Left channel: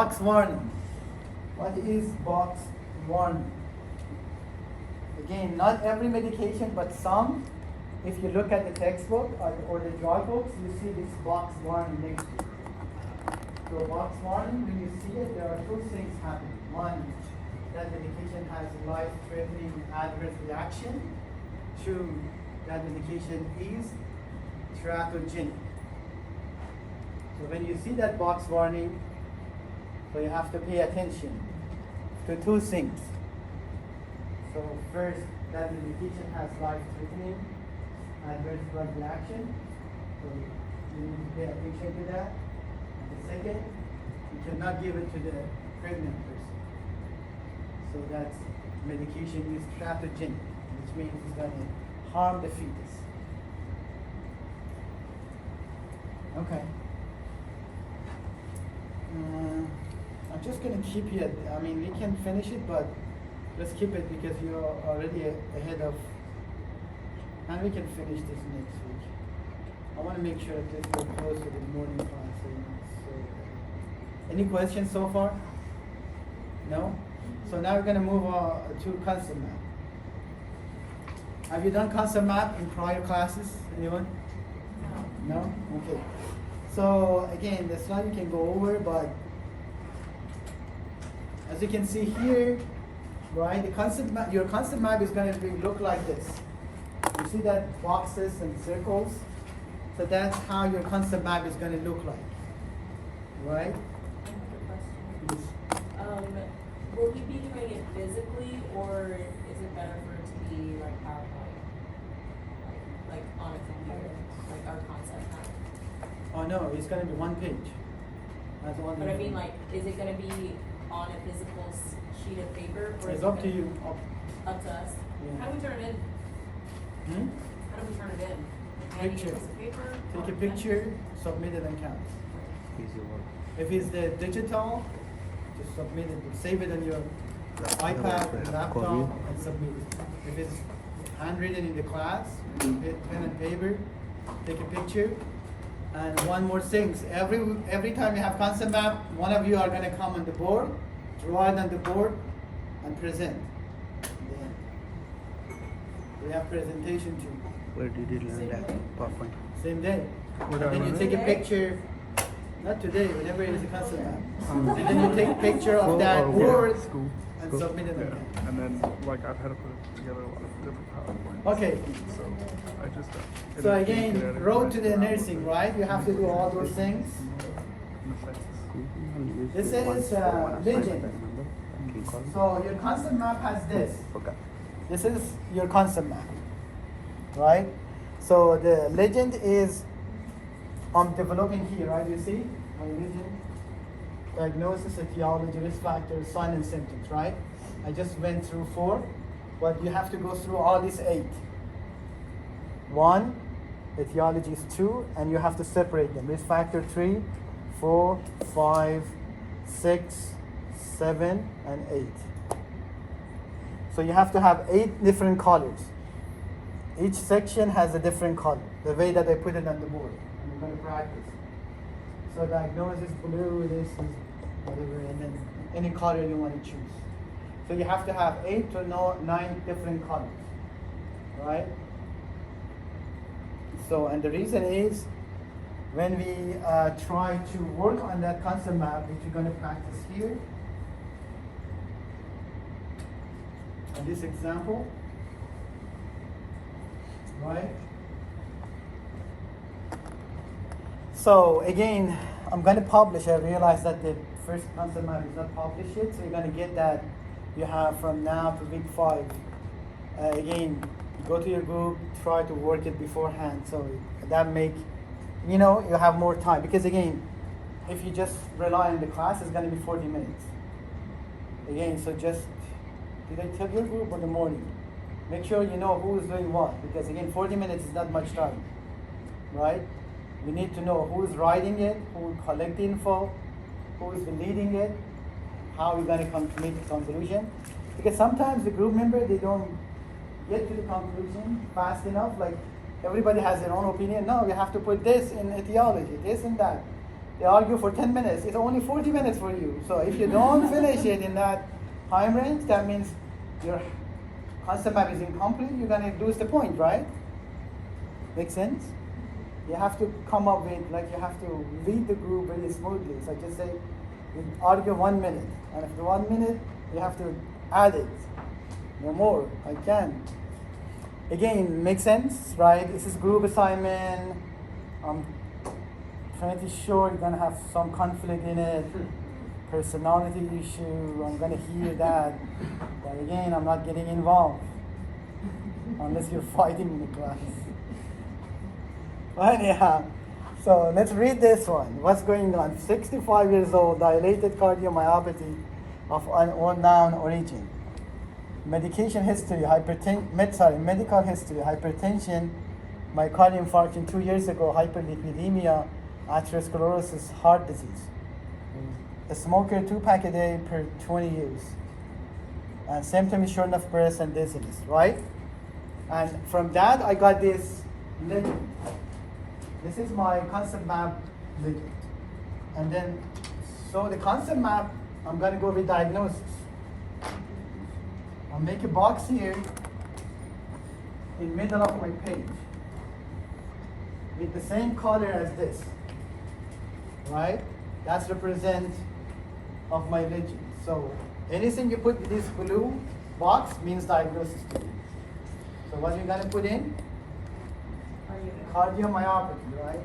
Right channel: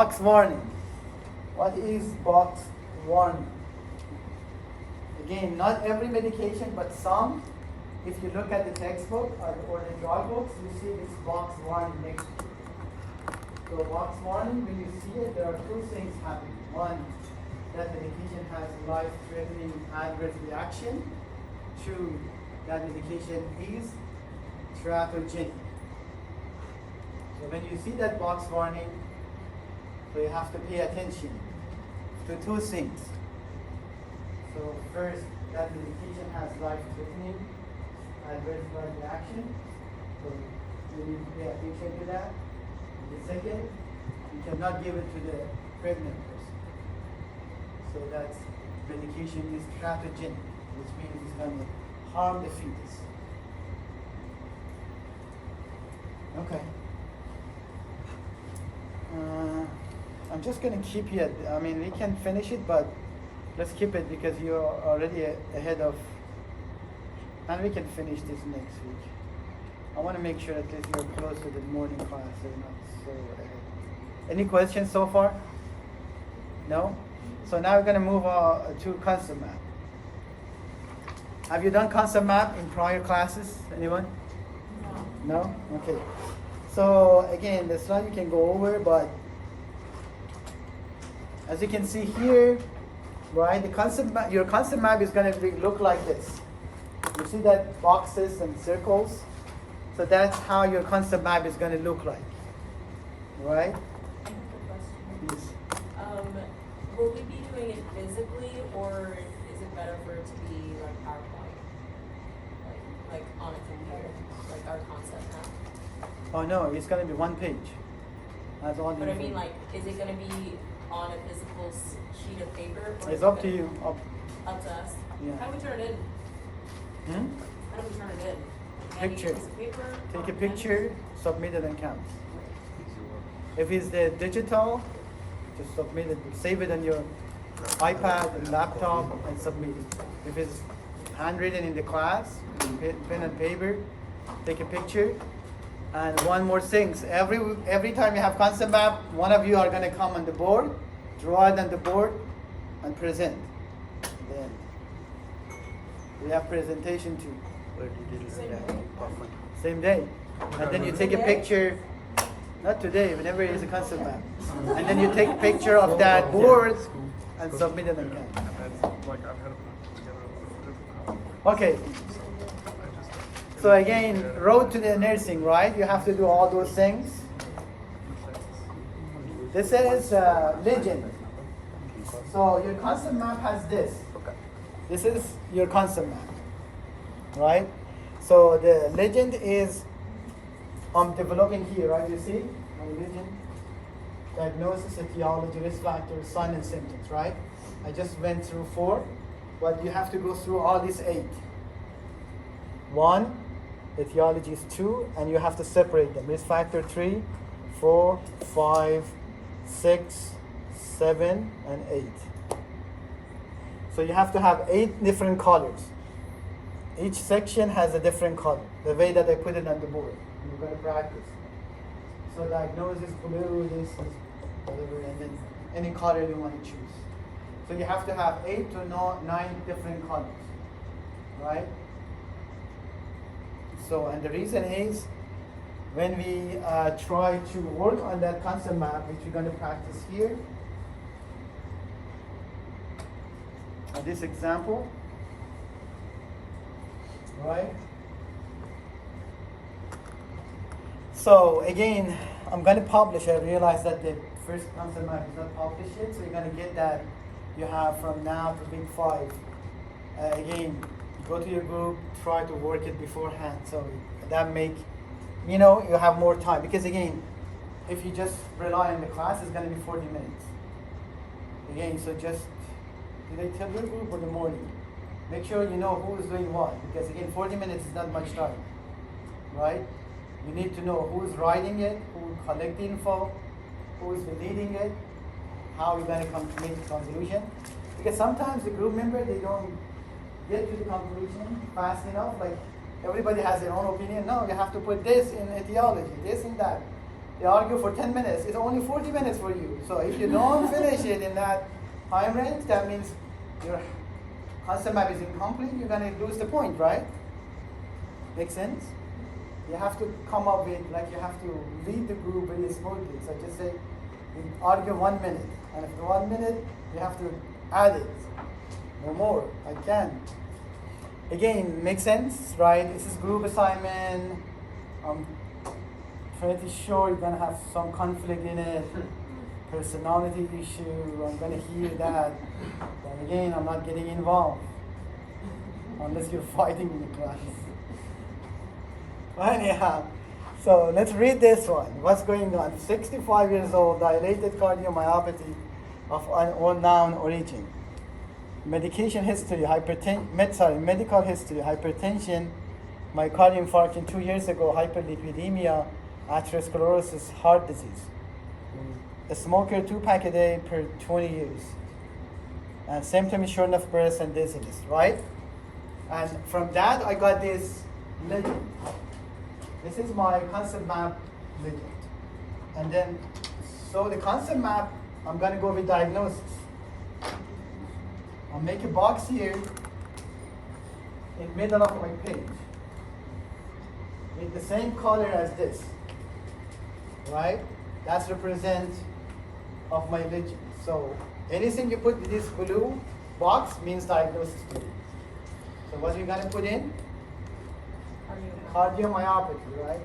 Box warning. What is box warning? Again, not every medication, but some. If you look at the textbook or the drug books, you see this box warning next to it. So box warning, when you see it, there are two things happening. One, that medication has life-threatening adverse reaction. Two, that medication is teratogenic. So when you see that box warning, so you have to pay attention to two things. So first, that medication has life-threatening adverse drug reaction. So you need to pay attention to that. And the second, you cannot give it to the pregnant person. So that medication is teratogenic, which means it's going to harm the fetus. Okay. I'm just going to keep it. I mean, we can finish it, but let's keep it because you're already ahead of, and we can finish this next week. I want to make sure that you're close to the morning class. So, any questions so far? No? So now we're going to move on to concept map. Have you done concept map in prior classes? Anyone? No? Okay. So again, the slide we can go over, but as you can see here, right, the concept map, your concept map is going to look like this. You see that boxes and circles? So that's how your concept map is going to look like, right? Yes. Will we be doing it physically, or is it better for it to be like PowerPoint, like on a computer, like our concept map? Oh no, it's going to be one page. That's all. But I mean, like, is it going to be on a physical sheet of paper? Or It's up to you. Up to us. Yeah. How do we turn it in? How do we turn it in? Like, Picture. a piece of paper? Take a picture, submit it, and count. If it's the digital, just submit it. Save it on your iPad and laptop and submit it. If it's handwritten in the class, pen and paper, take a picture. And one more thing, every time you have concept map, one of you are going to come on the board, draw it on the board, and present. Then we have presentation too. Same day. And then you take a picture, not today, whenever it is a concept map. And then you take a picture of that board and submit it again. Okay. So again, road to the nursing, right? You have to do all those things. This is legend. So your concept map has this. This is your concept map, right? So the legend is I'm developing here, right? You see my legend? Diagnosis, etiology, risk factors, sign and symptoms, right? I just went through 4, but you have to go through all these 8. 1, etiology is 2, and you have to separate them. Risk factor 3, 4, 5, 6, 7, and 8. So you have to have 8 different colors. Each section has a different color, the way that I put it on the board. You're going to practice. So diagnosis, blue, this is whatever, and then any color you want to choose. So you have to have 8 to 9 different colors, right? So, and the reason is, when we try to work on that concept map, which we're going to practice here, on this example, right? So again, I'm going to publish. I realize that the first concept map is not published yet, so you're going to get that you have from now to week 5. Again, go to your group, try to work it beforehand, so that make, you have more time. Because again, if you just rely on the class, it's going to be 40 minutes. Again, so just, did I tell your group in the morning? Make sure you know who is doing what, because again, 40 minutes is not much time, right? You need to know who's writing it, who collect the info, who's leading it, how we're going to make the conclusion. Because sometimes the group member, they don't get to the conclusion fast enough. Like everybody has their own opinion. No, you have to put this in etiology, this and that. they argue for 10 minutes. It's only 40 minutes for you. So if you don't finish it in that time range, that means your concept map is incomplete. You're going to lose the point, right? Make sense? You have to come up with, like, you have to read the group very smoothly. So just say, you argue 1 minute. And after 1 minute, you have to add it. No more. I can. Again, makes sense, right? This is group assignment. I'm pretty sure you're gonna have some conflict in it. Personality issue, I'm gonna hear that. But again, I'm not getting involved. Unless you're fighting in the class. Anyhow, so let's read this one. What's going on? 65 years old, dilated cardiomyopathy of unknown origin. Medication history, medical history, hypertension, myocardial infarction 2 years ago, hyperlipidemia, atherosclerosis, heart disease. A smoker, 2 pack a day per 20 years. And symptoms, shortness of breath and dizziness, right? And from that, I got this legend. This is my concept map legend. And then, so the concept map, I'm gonna go with diagnosis. I'll make a box here in middle of my page with the same color as this, right? That's represent of my legend. So anything you put in this blue box means diagnosis to you. So what you gonna put in? Cardiomyopathy, right?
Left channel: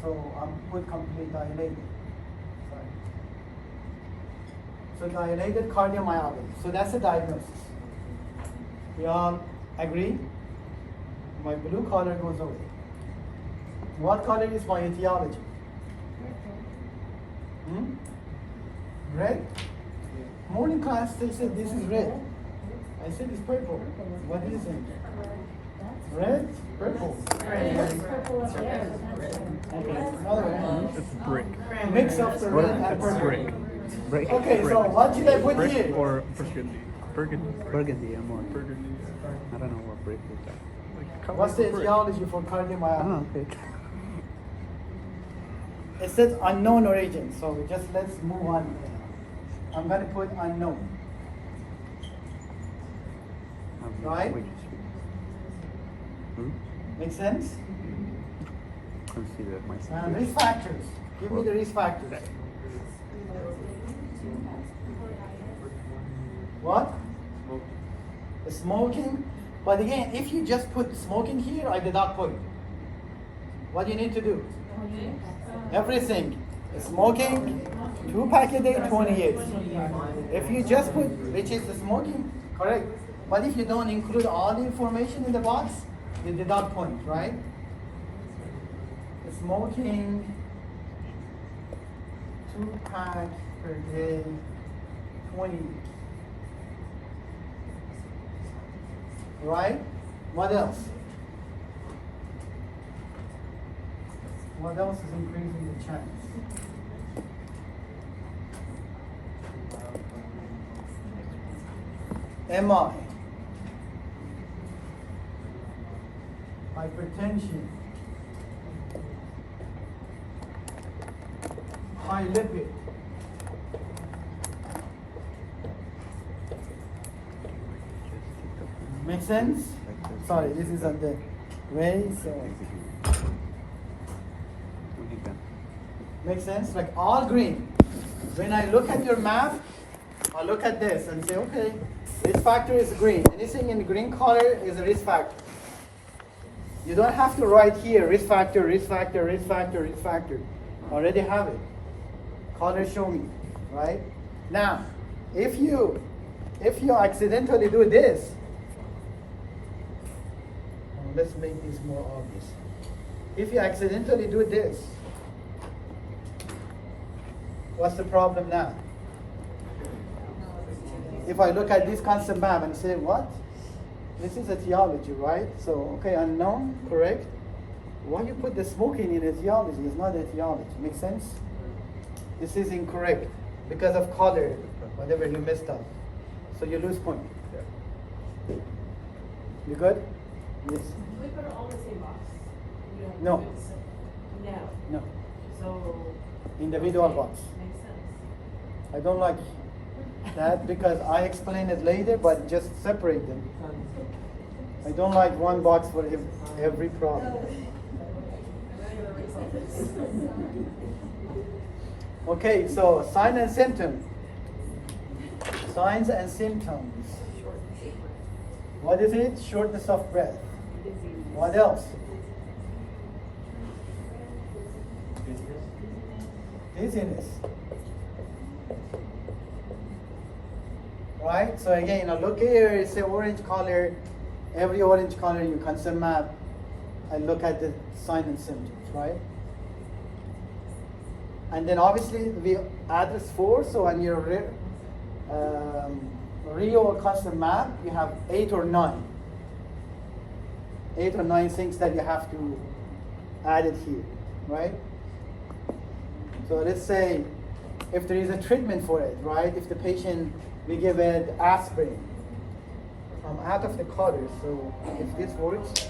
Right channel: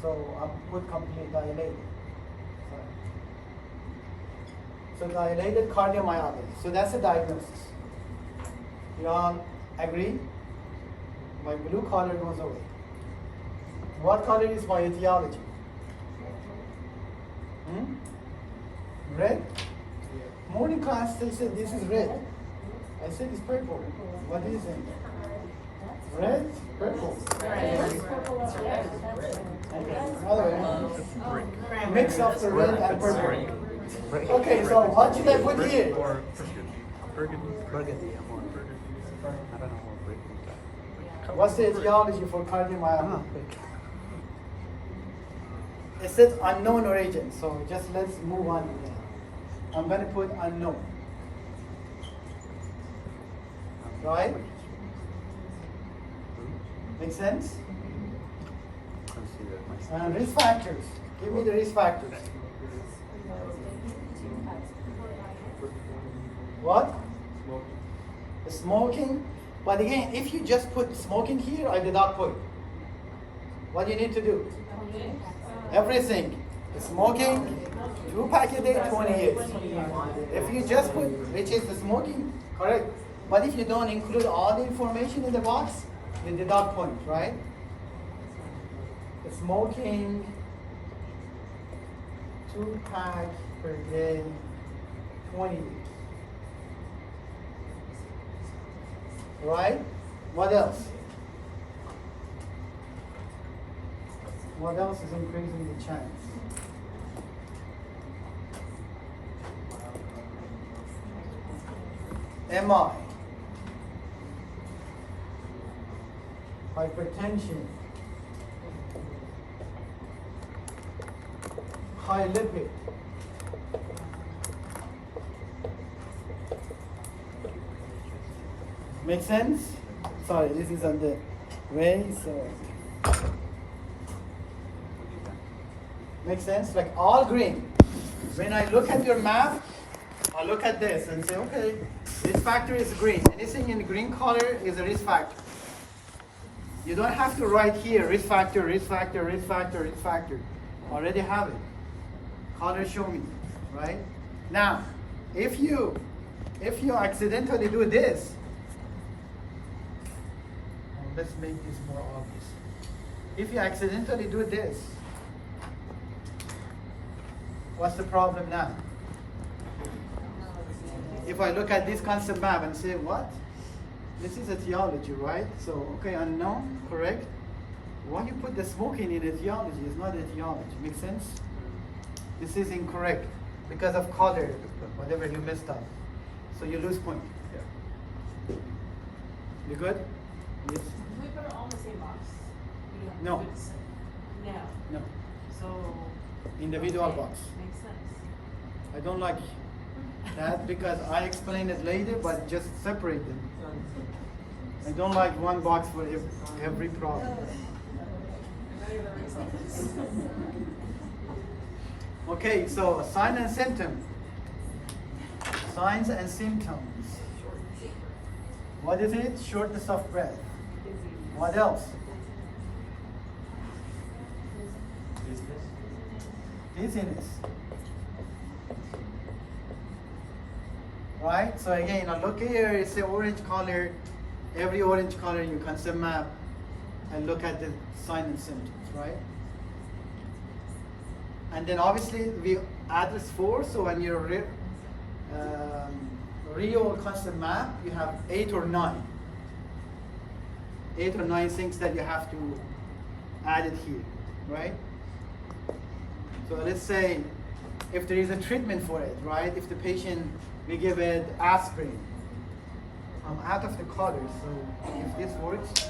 So I'll put complete dilated. Sorry. So dilated cardiomyopathy. So that's the diagnosis. You all agree? My blue color goes away. What color is my etiology? Red? Morning class, they said this is red. I said it's purple. What is it? Red? Purple? Okay. Mix of the red and purple. Okay, so what should I put here? What's the etiology for cardiomyopathy? It says unknown origin, so just let's move on. I'm going to put unknown. Right? Make sense? And risk factors. Give me the risk factors. What? The smoking. But again, if you just put smoking here, I did not put it. What do you need to do? Everything. Smoking, 2 pack a day, 20 years. If you just put, which is the smoking, correct. But if you don't include all the information in the box, you did not point, right? The smoking, 2 pack per day, 20 years. Right? What else? What else is increasing the chance? MI, hypertension, high lipid, make sense? Sorry, this is on the way, so make sense? Like all green. When I look at your map, I look at this and say, okay, risk factor is green. Anything in green color is a risk factor. You don't have to write here risk factor, risk factor, risk factor, risk factor. Already have it. Color show me, right? Now, if you accidentally do this, let's make this more obvious. If you accidentally do this, what's the problem now? If I look at this concept map and say, what? This is etiology, right? So, okay, unknown, correct? Why you put the smoking in etiology? It's not etiology. Make sense? This is incorrect because of color, whatever you messed up. So you lose point. You good? Yes. Do we put it all in the same box? We don't No. put it se- No. No. So. Individual okay, box. Makes sense. I don't like that because I explain it later, but just separate them. I don't like one box for every problem. Okay, so sign and symptom. Signs and symptoms. What is it? Shortness of breath. What else? Dizziness. Right? So again, now look here, it's an orange color. Every orange color you concept map, I look at the sign and symptoms, right? And then obviously we address 4, so on your Rio or concept map, you have 8 or 9. 8 or 9 things that you have to add it here, right? So let's say if there is a treatment for it, right? If the patient, we give it aspirin. I'm out of the color, so if this works.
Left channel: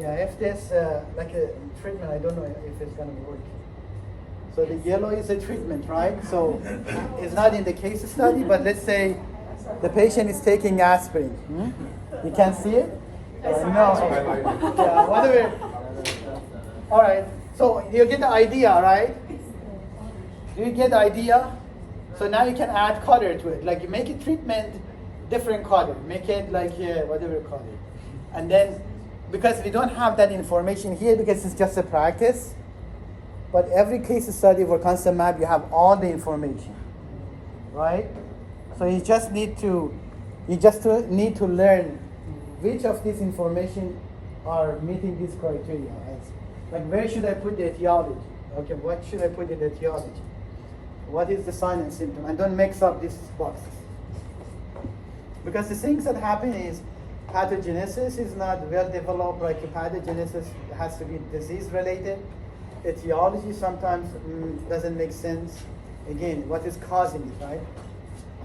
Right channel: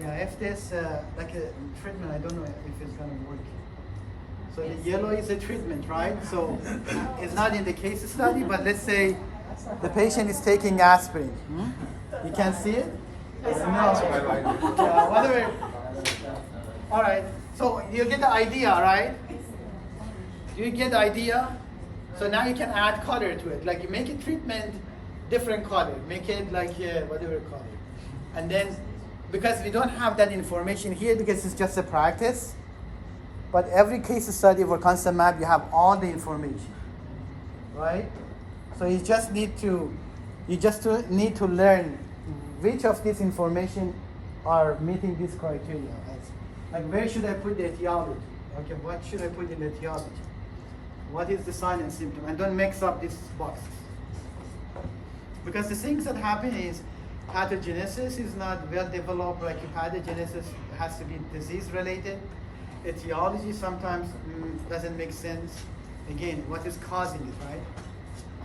Yeah, if there's like a treatment, I don't know if it's gonna work. So the yellow is a treatment, right? So it's not in the case study, but let's say the patient is taking aspirin. You can't see it? No. Yeah, whatever. All right. So you get the idea, right? You get the idea. So now you can add color to it. Like you make a treatment different color. Make it like whatever color. And then because we don't have that information here because it's just a practice. But every case study for concept map, you have all the information, right? So you just need to learn which of this information are meeting this criteria. Like where should I put the etiology? Okay, what should I put in the etiology? What is the sign and symptom? And don't mix up these boxes. Because the things that happen is pathogenesis is not well developed, like pathogenesis has to be disease related. Etiology sometimes doesn't make sense. Again, what is causing it, right?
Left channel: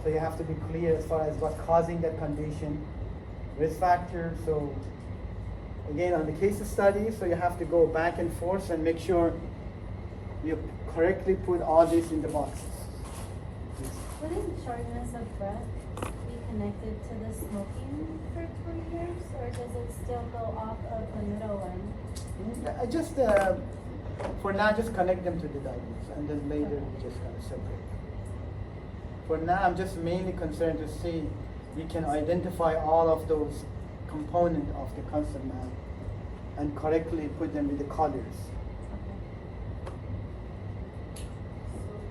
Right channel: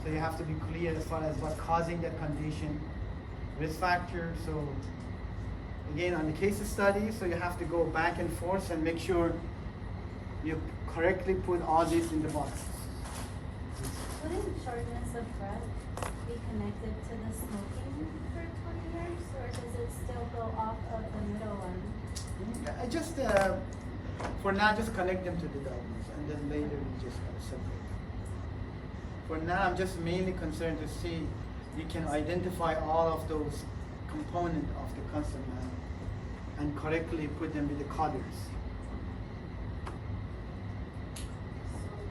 So you have to be clear as far as what's causing that condition, risk factor. So again, on the case study, so you have to go back and forth and make sure you correctly put all this in the boxes. Wouldn't shortness of breath be connected to the smoking for 20 years, or does it still go off of the middle one? I just, for now, just connect them to the diagnosis, and then later we just kind of separate them. For now, I'm just mainly concerned to see you can identify all of those components of the concept map and correctly put them with the colors.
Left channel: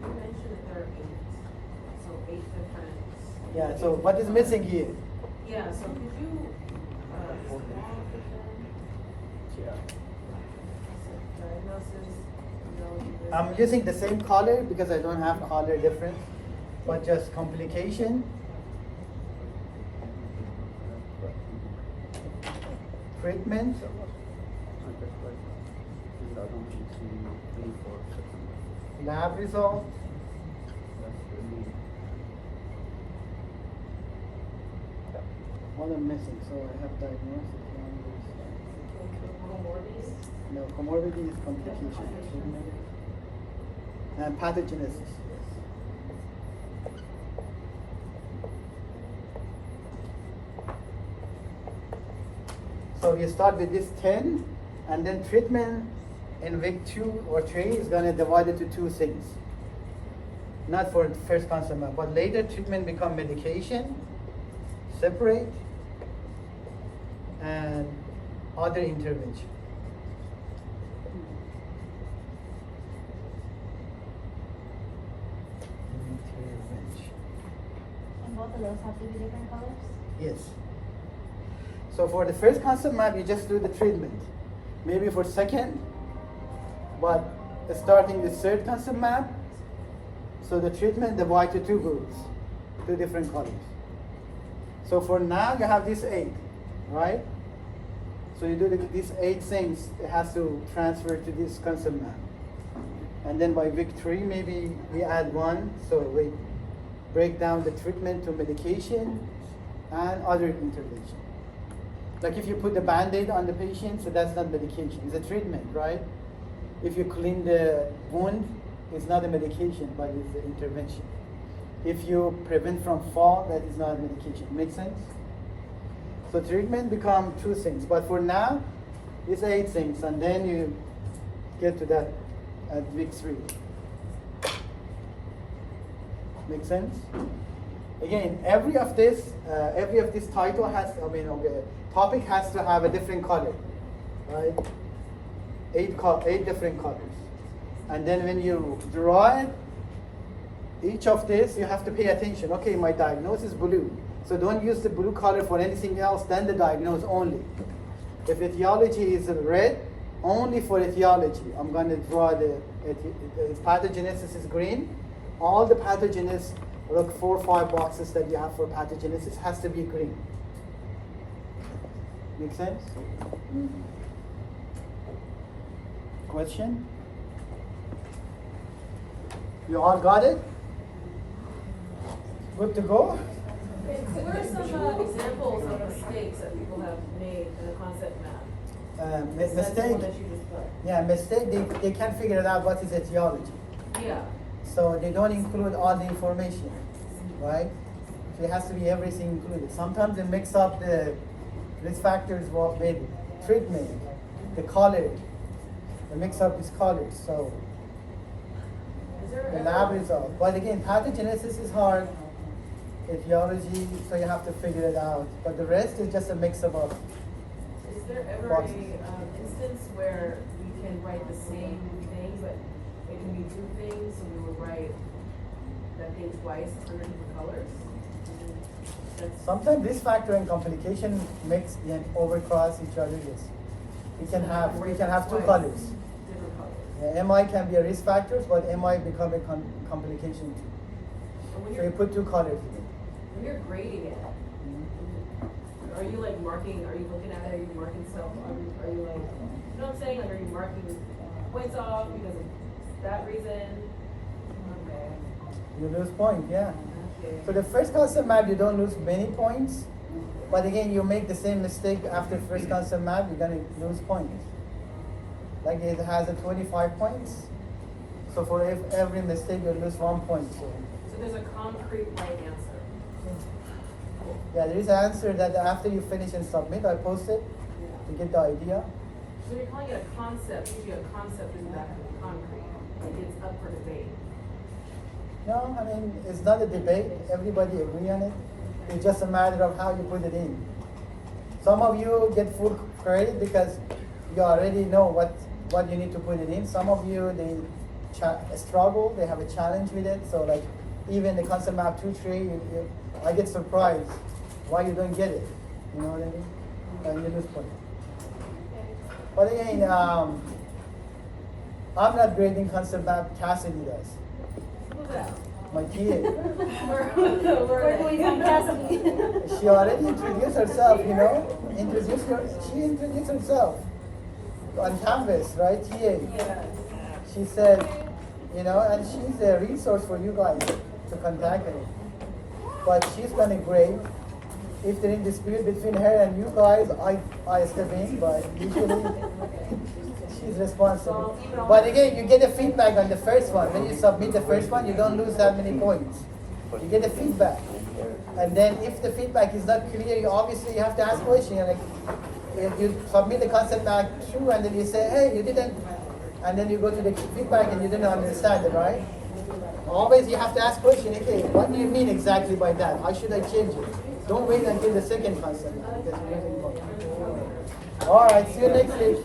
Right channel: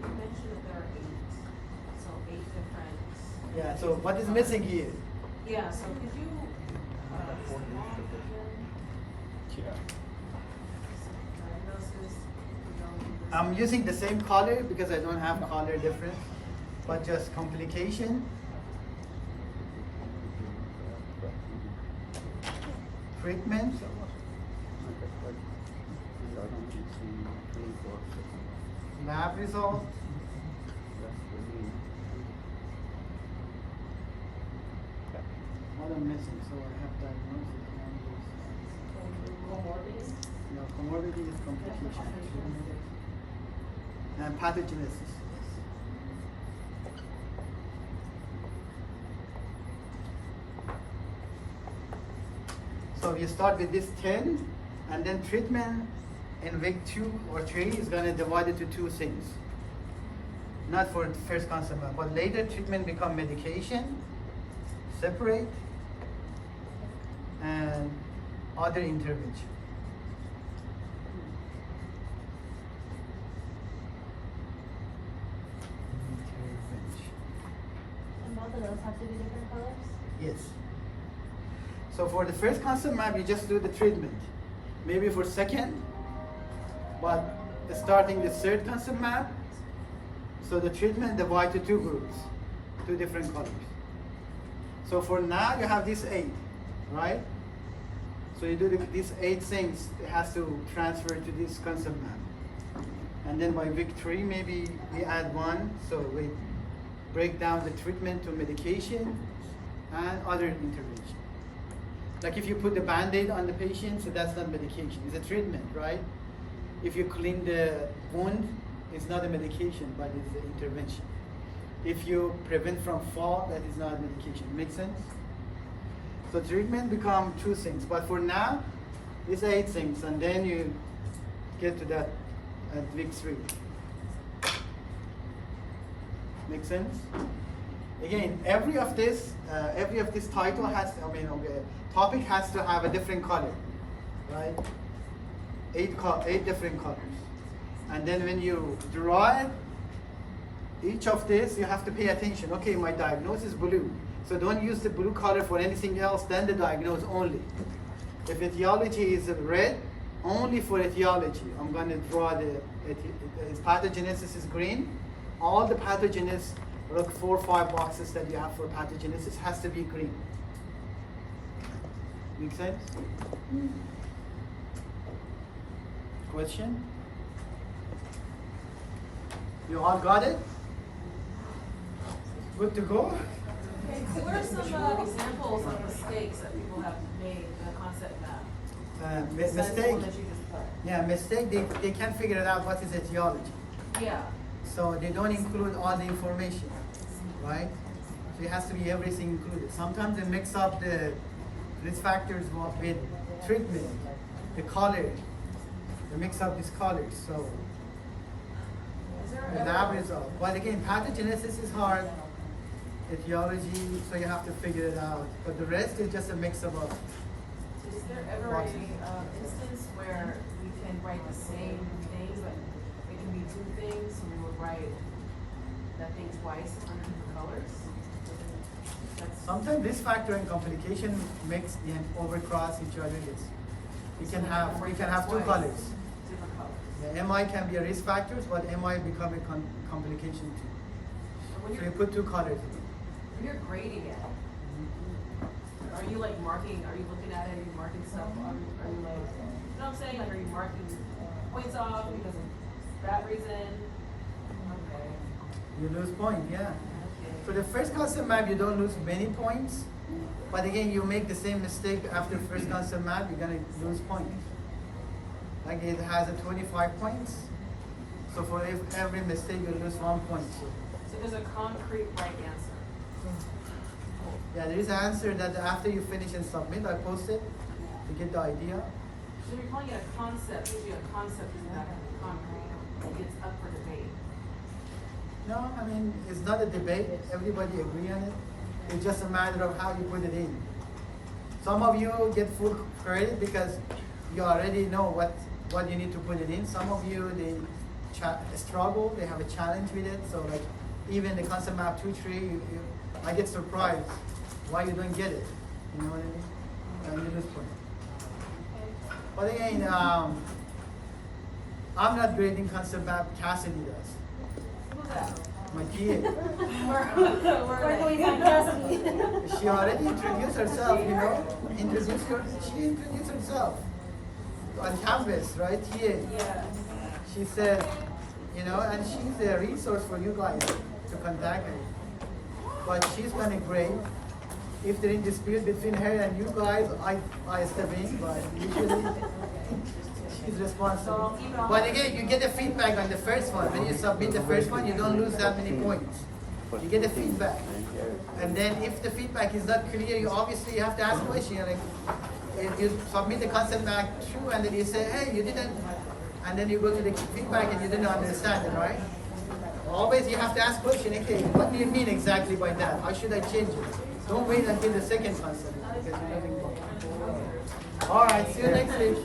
You mentioned that there are 8, so 8 different. Yeah, so what is missing here? Yeah, so could you, list them all again? So diagnosis, etiology, I'm using the same color because I don't have color difference, but just complication, treatment, lab result, what I'm missing, so I have diagnosis, comorbidity. no, comorbidity is complication, treatment, and pathogenesis. So we start with this 10, and then treatment in week 2 or 3 is going to divide it to 2 things. Not for the first concept, but later treatment become medication, separate, and other intervention. Intervention. And both of those have to be different colors? Yes. So for the first concept map, you just do the treatment. Maybe for second, but starting the third concept map, so the treatment divide to 2 groups, 2 different colors. So for now, you have these 8, right? So you do these 8 things, it has to transfer to this concept map. And then by week 3, maybe we add 1. So we break down the treatment to medication and other intervention. Like if you put the Band-Aid on the patient, so that's not medication, it's a treatment, right? If you clean the wound, it's not a medication, but it's an intervention. If you prevent from fall, that is not medication. Make sense? So treatment become 2 things, but for now, it's 8 things, and then you get to that at week 3. Make sense? Again, every of this title has, topic has to have a different color, right? 8 different colors. And then when you draw it, each of this, you have to pay attention. Okay, my diagnosis is blue. So don't use the blue color for anything else than the diagnosis only. If etiology is red, only for etiology, I'm going to draw if pathogenesis is green, all the pathogenesis, look 4 or 5 boxes that you have for pathogenesis has to be green. Make sense? Question? You all got it? Good to go? Okay, so what are some examples of mistakes that people have made in the concept map? Besides the Mistake. one that you just put? Yeah, mistake. They can't figure it out what is etiology. Yeah. So they don't include all the information, right? So it has to be everything included. Sometimes they mix up the risk factors with treatment, the color. They mix up these colors. So Is there the ever- lab result. But again, pathogenesis is hard. Etiology, so you have to figure it out. But the rest is just a mix of all. Is there ever boxes. a instance where we can write the same things, but it can be 2 things, so we would write that thing twice under different colors? That's- Sometimes risk factor and complication mix and overcross each other. Yes, we can have 2 colors. Different colors. Yeah, MI can be a risk factor, but MI become a complication too. But So you put 2 colors. when you're grading it, are you like marking, are you looking at it, are you marking stuff, are you like, you know what I'm saying, like are you marking points off because of that reason? Okay. You lose point, yeah. Okay. So the first concept map, you don't lose many points, but again, you make the same mistake after first concept map, you're gonna lose points. Like it has a 25 points, so for every mistake, you lose 1 point. So there's a concrete right answer. Yeah, there is an answer that after you finish and submit, I post it, you get the idea. So you're calling it a concept, usually a concept is that concrete, it's up for debate. No, I mean, it's not a debate, everybody agree on it. It's just a matter of how you put it in. Some of you get full credit because you already know what you need to put it in. Some of you, they struggle, they have a challenge with it. So like, even the concept map 2-3, I get surprised why you don't get it. You know what I mean? And you lose point. But again, I'm not grading concept map, Cassidy does. Who's that? My TA. Where do we find Cassidy? She already introduced herself, you know? She introduced herself on campus, right? TA. Yeah. She said, you know, and she's a resource for you guys to contact her. But she's gonna grade. If there's a dispute between her and you guys, I step in, but usually she's responsible. But again, you get the feedback on the first one. When you submit the first one, you don't lose that many points. You get the feedback. And then if the feedback is not clear, you obviously have to ask questions. Like, if you submit the concept back true and then you say, hey, you didn't, and then you go to the feedback and you didn't understand it, right? Always you have to ask questions, okay, what do you mean exactly by that? How should I change it? Don't wait until the second concept because you're moving forward. All right, see you next week.